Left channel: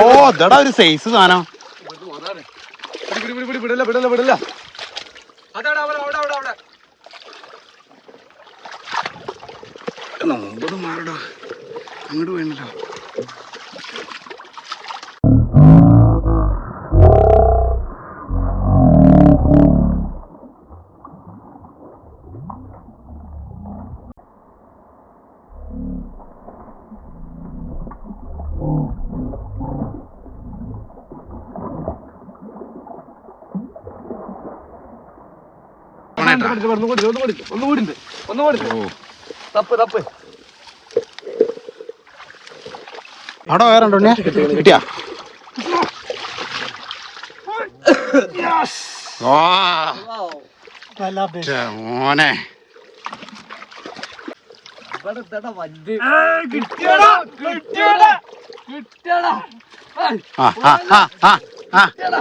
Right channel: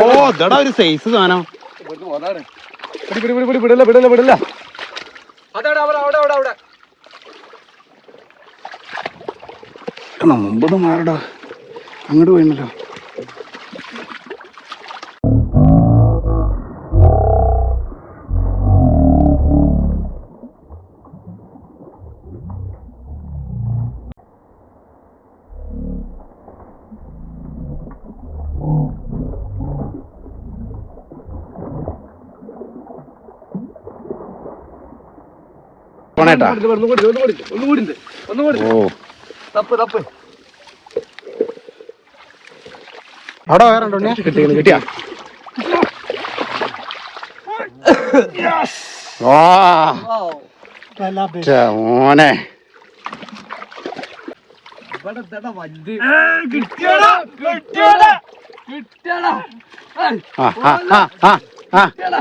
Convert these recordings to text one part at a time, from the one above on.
ഓ ഇതടാ ഒരു സൈസ് സാധനം. വിടില്ല വിടില്ല മാറടാ. അങ്ങോട്ട് പോയിന്നല്ലോ. പോണേട്ടാ ഒന്നും കൂടി ഒന്നും കൂടി ഒന്നും കൂടി ഉണ്ട് ഒന്നും കൂടി ഓ. തപ്പ് തപ്പ്. അവിടെ വേറെ ഉണ്ടോ? കിട്ടിയാ? മോനെ. കിട്ടിയടാ കിട്ടിയടാ കിട്ടിയടാ ആ ആ ആ ആ ആ കിട്ടിയടാ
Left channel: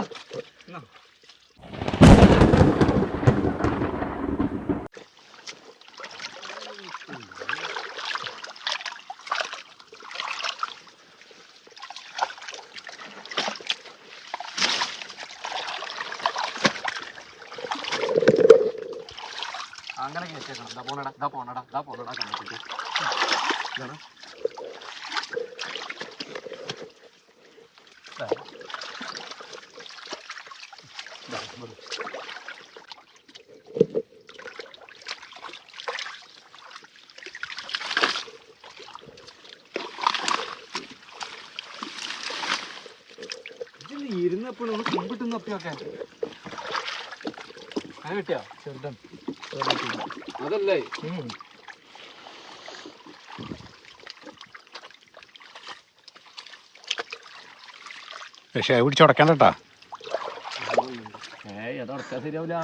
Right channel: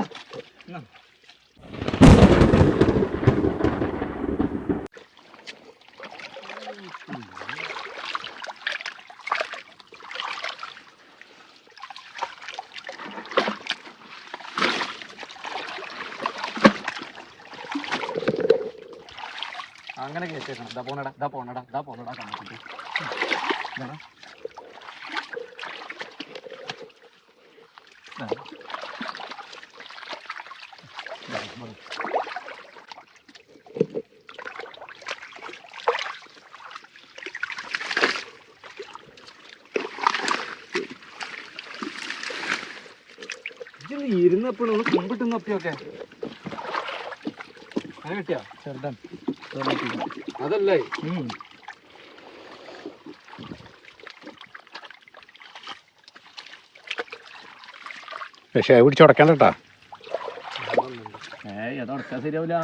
അങ്ങനെ കേട്ടേക്കണം ഇതാ പോണടാ ഇതാ പോണടാ ഇതാ പോണടാ ഇതാടാ. ഇതിൽ ഇരുന്നപ്പോഴും കുമ്പിട്ടുന്നപ്പിയൊക്കെ അങ്ങനെ കിട്ടിയോ? ചെറുതൻ അതല്ലേ? പക്ഷെ അത് പിടിച്ച് ഉടക്കണ്ട കേട്ടാ ഏയ് അത് ശരിയാവില്ല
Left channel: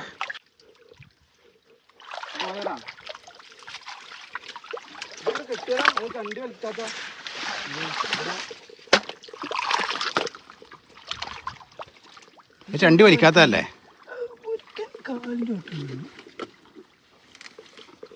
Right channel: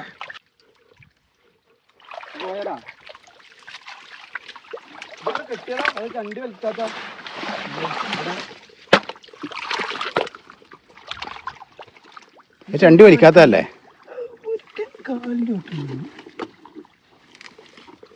കണ്ടി വലിക്കാത്ത. ചണ്ടി വലിക്കാത്തതല്ലേ?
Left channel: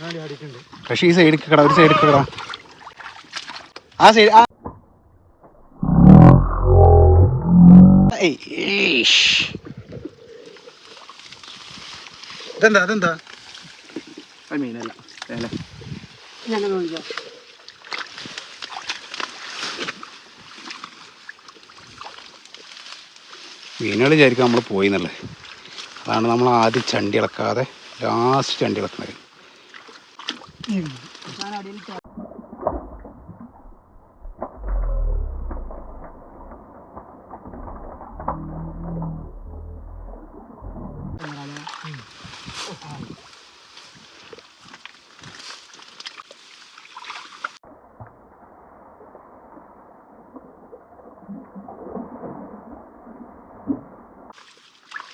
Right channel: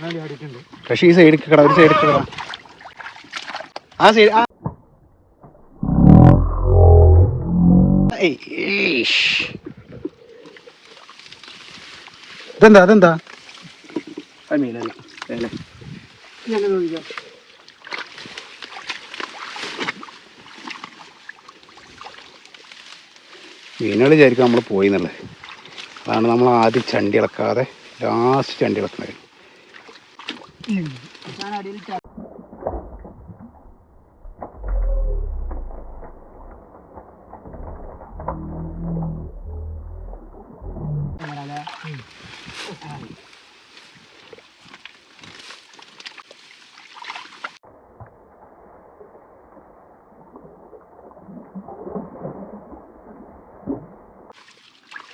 അടി അടിയിട്ടുണ്ട് പക്ഷെ ഈ സൈഡിൽ കിട ഒരു സൈഡിൽ കിട. ആ സൈഡ് ആ. ഇതെന്താ അതെന്താ അത് മീനല്ല അല്ലേ മീനുകൾ വിചാരിക്കും നമ്മൾ പോയി എന്നുള്ളത് അതാണ് നമ്മൾ ആദ്യം ചണ്ടി ഇളക്കാതെ ലാസ്റ്റ് ചണ്ടി ഇളക്കുന്നത്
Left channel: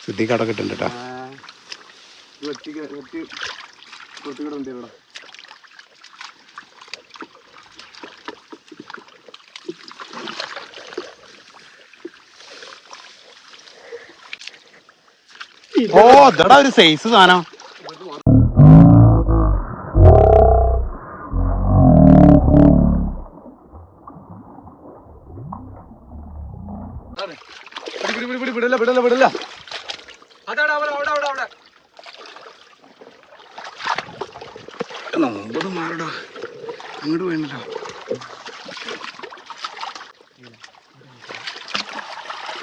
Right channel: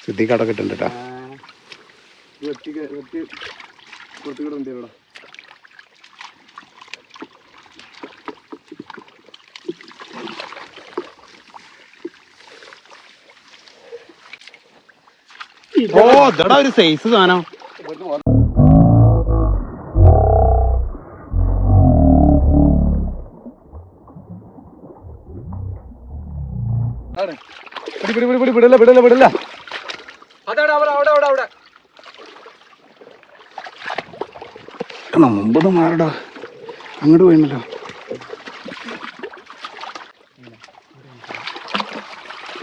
സിദ്ധിക്ക് അവിടെ ഇട്ടുണ്ട് കേട്ടോ ഓ ഇതടാ ഒരു സൈസ് സാധനം. വിടില്ല വിടില്ല വിടില്ല അതാണ് അവിടെ അവിടെ അവിടെ അവിടെ മുമ്പത് മാറടാ. അങ്ങോട്ട് പോയിന്നല്ലോ.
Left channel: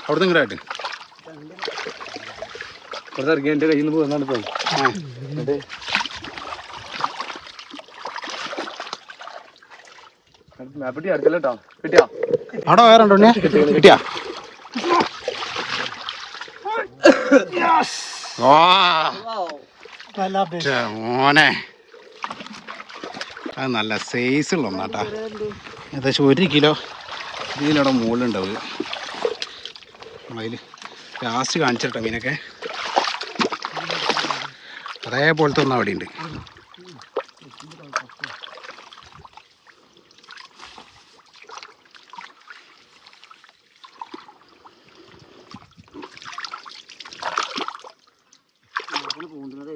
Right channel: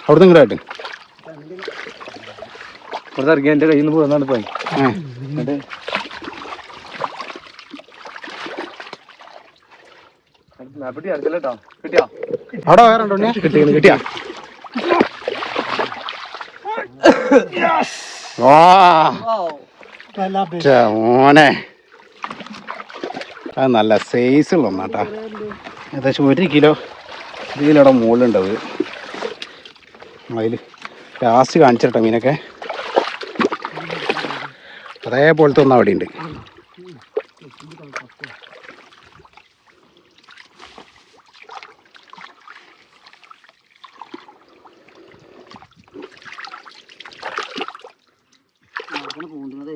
അവിടെ നിന്ന് ഇങ്ങോട്ട് വെറുതെ ഇറങ്ങി എന്റെ കയ്യിൽ നിന്ന് കേട്ടോ. കിട്ടിയോ അവിടെ വേറെ ഉണ്ടോ കിട്ടിയാ? മോനെ. അത് നല്ല സൈസുള്ള ഒന്നാട്ടാ. ഏകദേശം ഒരു കിലോ ഒരു കിലോയുടെ മുകളിലുണ്ടാവും. അതിൽ ലാസ്റ്റ് കാണിച്ചിട്ടോ മീനൊക്കെ. അതേപോലത്തെ ഒന്നും അവിടെ ഉണ്ട് പോകുന്നത്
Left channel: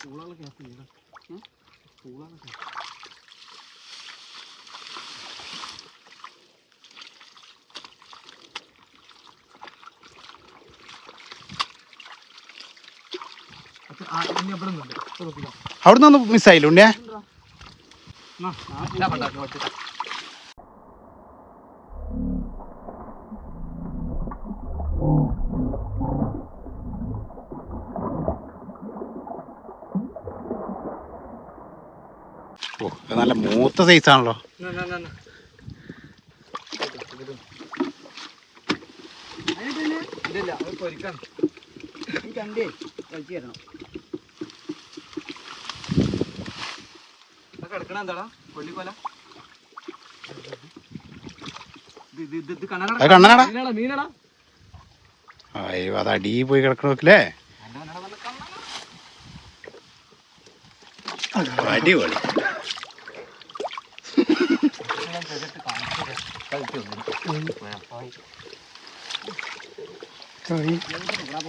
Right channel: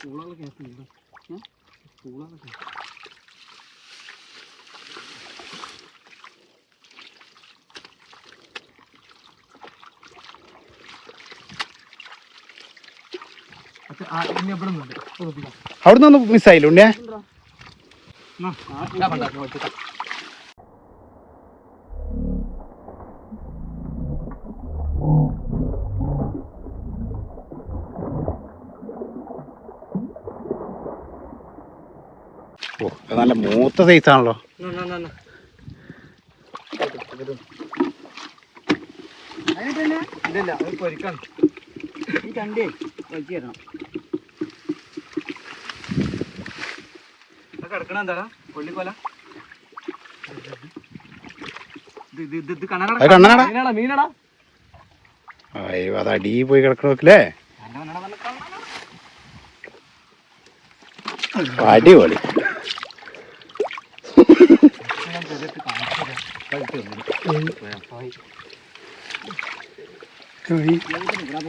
പൂളകളെ കേട്ടില്ല പൂളകളെ അവിടെ നിന്ന് മിസ്സായില്ല ഉണ്ണിയാ ഓ ഇത് നല്ല മൂത്ത സൈസാണല്ലോ കിടക്കണ എന്താടാ കൊല്ലിക്കൊല അയ്യോ അത് അടി പോയി കിടക്കണോക്കില്ലേ അടിപൊളി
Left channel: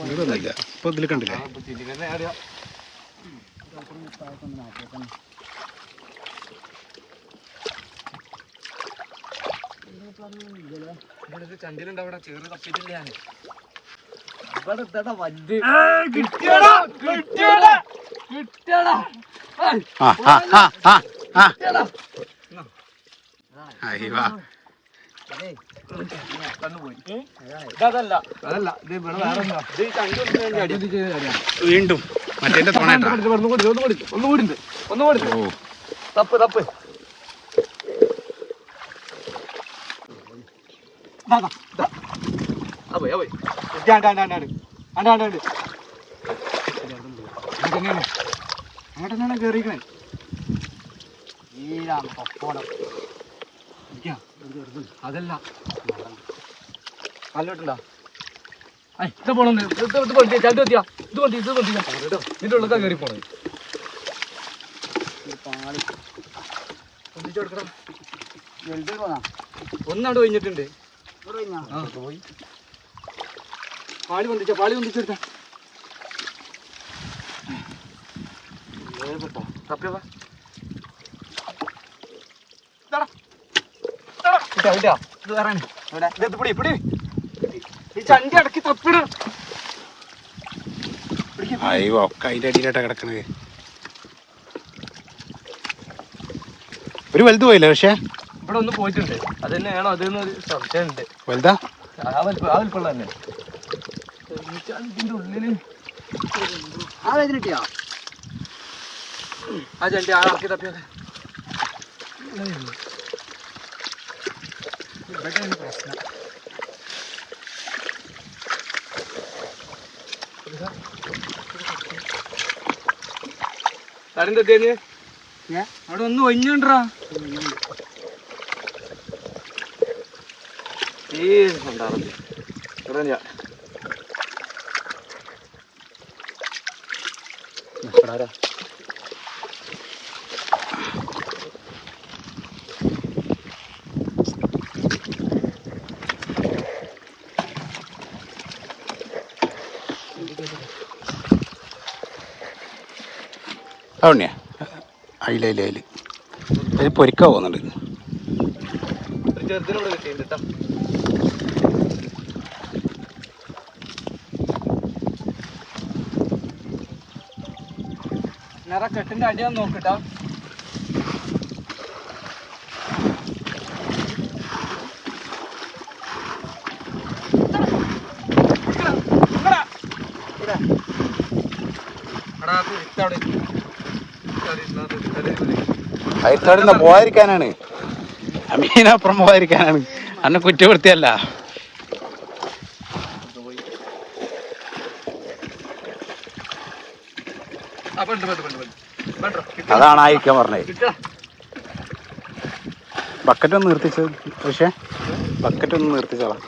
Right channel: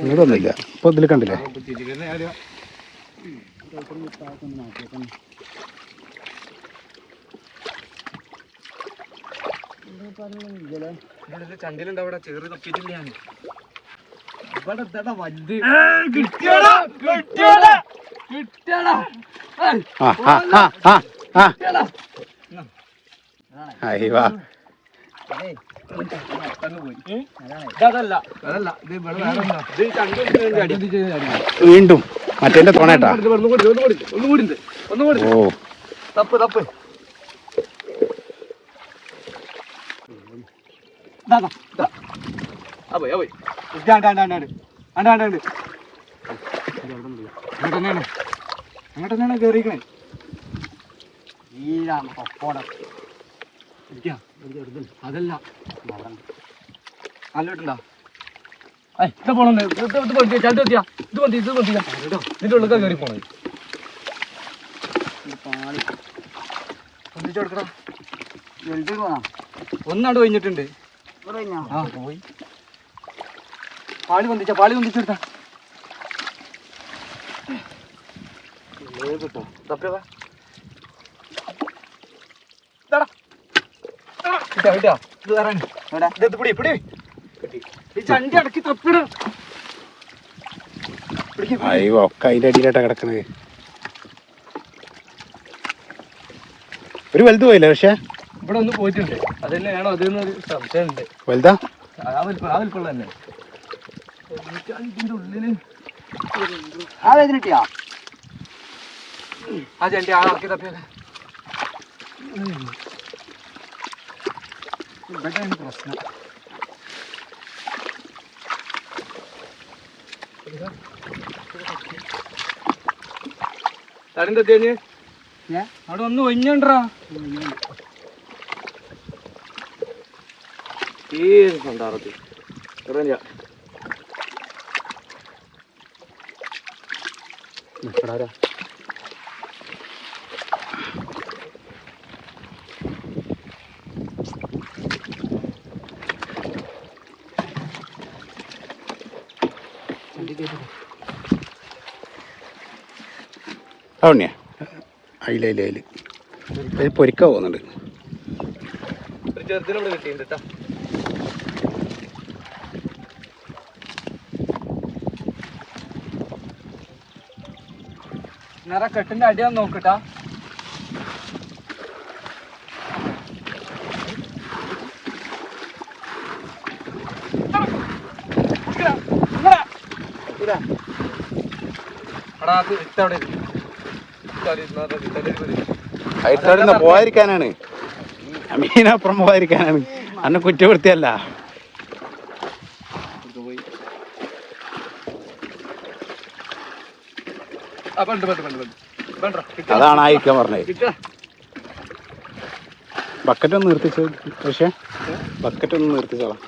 ഇതൊന്നുമില്ല ഇപ്പൊ ഇതിൽ കണ്ടില്ലേ? ചേറ് ഇവിടെ എന്താ വലുത്. കിട്ടിയടാ കിട്ടിയടാ കിട്ടിയടാ. ആ ആ ആ ആ. ആ വീണ്ടും മറ്റേന്റെ തോണേട്ടാ ഓ തപ്പ് തപ്പ് ദാ, ദാ, ദാ. ആ പോയി, ആ പോയി. ഇത് ആണ്ട്, ആണ്ട്, ആണ്ട്, ആണ്ട്. ആണ്ട്, ആണ്ട്, ആണ്ട്. അങ്ങോട്ട് തന്നെയാണ്. അങ്ങോട്ട് തന്നെയാണ് കേറിയിരിക്കണേ. ഈരാണ് പപ്പോടം. ഇരിക്കാ. അതല്ല. അല്ലോട്ടുണ്ടോ? ഇത് പോണം. ഇത് ഇത് പൊന്തിയാ, ചാടി പൊന്തിയാ. ഇത് പൊന്തി ഇത് പൊന്തിയാ. ഇതിന്റെ ഉള്ളിൽ കയറി പൊന്തിച്ചെടുക്കടാ. ഒന്നാട് കഴിഞ്ഞിട്ടുണ്ട്. ആ പോയി. പാളി പൊന്തിച്ച പാളി പൊന്തിച്ചെടുത്ത ചണ്ടി ഇടക്കി തപ്പിട അയ്യോ ഒക്കെ അതിന്റെ അടിയിലായിട്ടാ കിടക്കണത്. ഒരു വലുത് പോയില്ല പക്ഷേ? ഇവിടെ ഒന്ന് പോയിട്ടുണ്ട്. അത് തന്നെയാണോ? അതെന്നൊരു സംശയമുണ്ട് വലുതാ? ആ വലിപ്പം ആ വലിപ്പമുള്ള തന്നെ. ചണ്ടിന്റെ ഉള്ളിൽ. ആ ചണ്ടി ആ ഇറക്കി തപ്പിയത്. ഇതൊക്കെയാണ് പ്രശ്നം. അവിടെ ഒന്ന് ഒഞ്ഞണ്ടാ തീരുന്നുണ്ടാറത് പറഞ്ഞ ആ ഉണ്ണിയാ അയില അയില അയിൽ അതിൽ പൊരിക്കാൻ പോകുന്നുണ്ട്. നിറ കെട്ടിന്റെ അടിയാന്ന് നോക്കട്ടാ എടാ അത് ഇട്ടവിടെ ഇട്ടവിടെ ഇരുന്നാ ഇട്ടവിടെ മതി അയൽക്കാടുന്ന പോകാതിരിക്കാനാണ് അമീനപ്പുറം പോകാതിരിക്കാനാണ് അന്നെ കിട്ടാ അതാണ് അയക്കാൻ പറഞ്ഞത് ബക്കറ്റ് ഒന്ന് നിർത്തിച്ചത് പക്ഷേ. ബക്കറ്റ് ഒന്ന് നിർത്തിച്ചോളാം.